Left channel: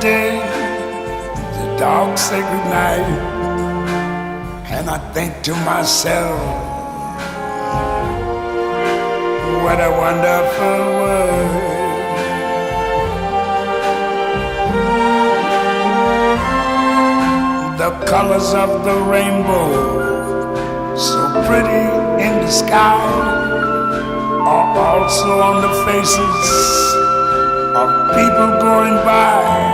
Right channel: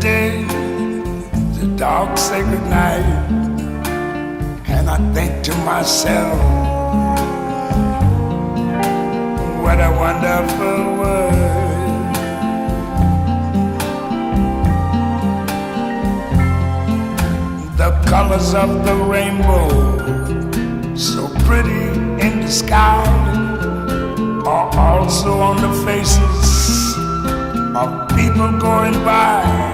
day, the dogs say goodnight, and I think to myself, what a wonderful world. The colors of the rainbow, so pretty in the sky, are also on the faces of people going by.